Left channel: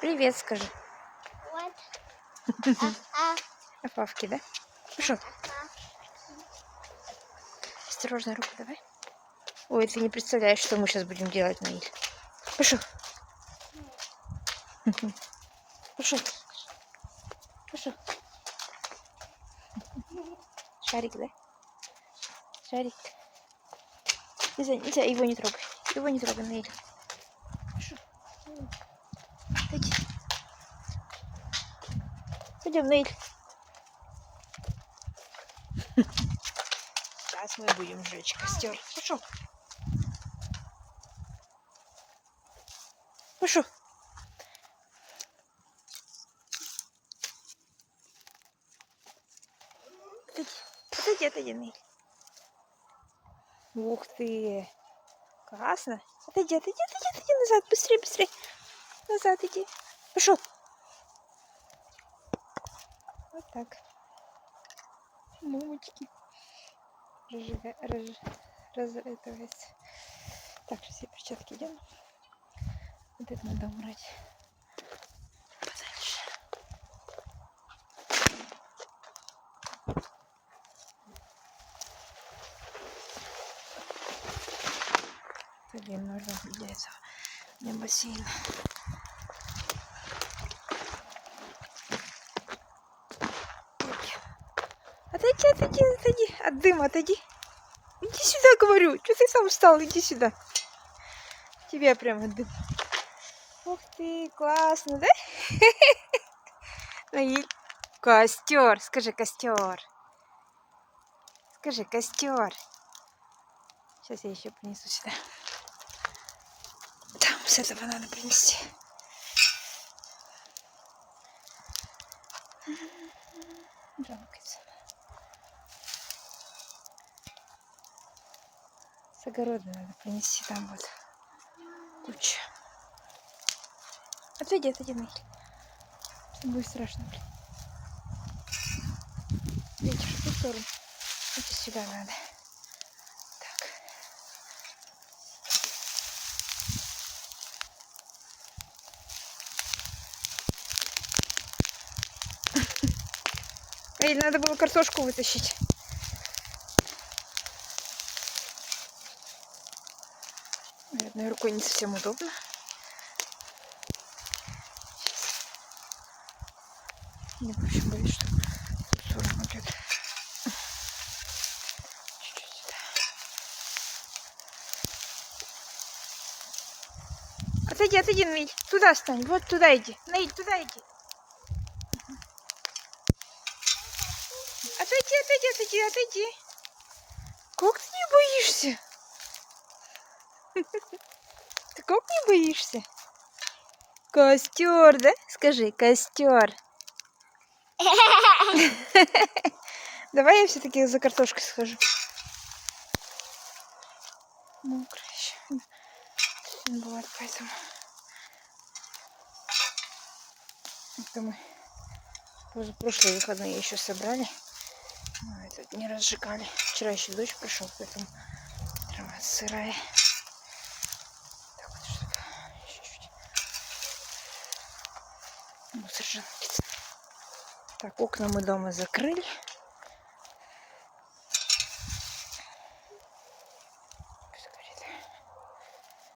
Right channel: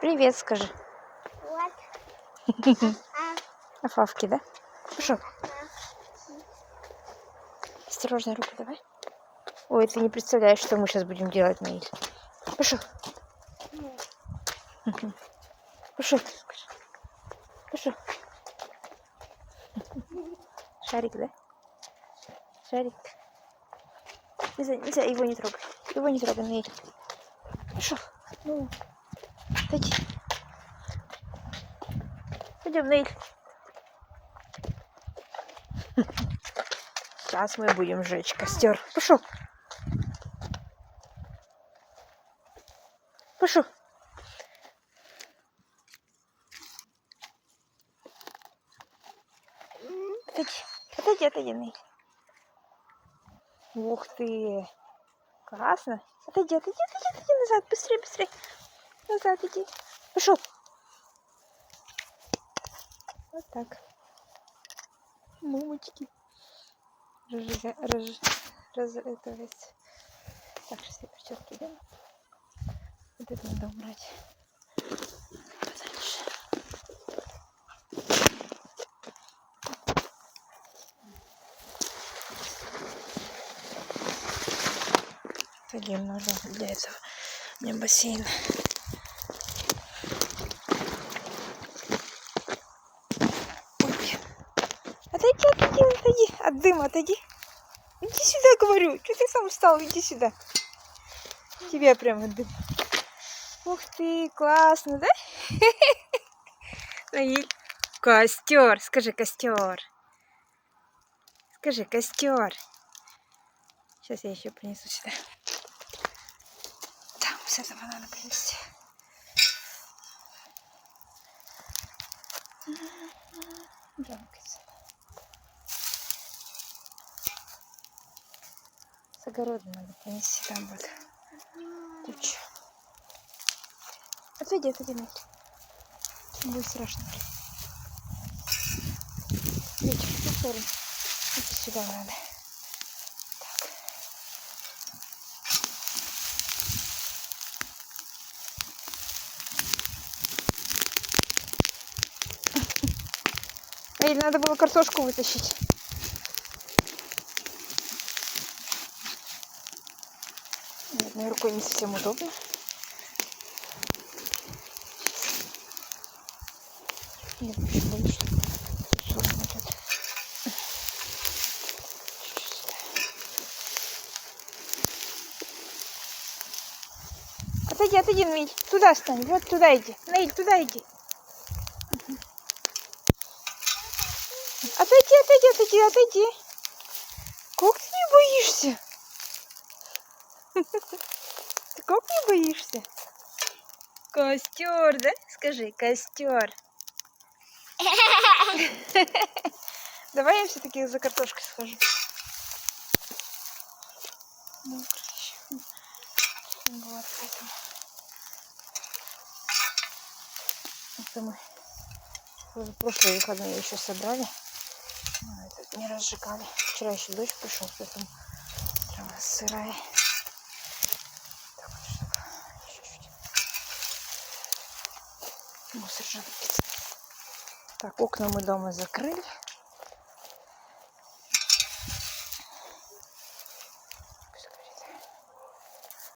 Привет, скажи. Вот. Афавки, да? Пошел. Осторожно, руку давай. Ой, ты не представляешь, что мы сейчас будем делать, Наиль. Пошел. Пошел. Пошел. Шарик, да? Шарик. Нельзя, его не трогай. Его не трогай, Наиль. Пошел. Ну, отойди. Пойдем, Наиль. Сейчас мы будем жечь костер. Пошел. Пошел. Отойди, Наиль. Ух ты. Классно. Отойди назад. Быстрее. Назад иди. Пошел. Вот так. Мамочки. Это. Так, все перчатки идем. Вот это надо убрать подальше. Пойдем, нужно для этого. У меня бассейн. Ой. Отойди. От дыма отойди. Иди сюда, говорю. Что ты сам встал? Иди сюда. Тебе прямо дым. Ух ты, классно, да? Наиль. Костер. Скажи, костер. Скажи, костер. Сейчас я еще принесу сюда. Там с этого надо принести. Жалко. С огорода надо принести. Там вот куча. Отойди, Наиль. Будет страшно. Ветер в ту сторону. Иди сюда надо. Так. Или надо было картошку вытащить. Одной рукой не совсем удобно. Мне вообще боюсь, что тут ссора будет. Чуть-чуть сюда. Отойди, Наиль. Туда встань. Вот туда иди. Наиль, туда иди. Отойди. Как ты не боишься? Ты как не боишься? Костер, да? Скажи, костер. Давай я все-таки за картошкой схожу. Вот, поэтому. Это мы уже прошлые выходные еще собрали. Но этот не разжигали. Вчера еще дождь пришел, поэтому трава сырая. Так вот, чтобы чуть-чуть мусор же напиться. Так, окна мы дома закрыли.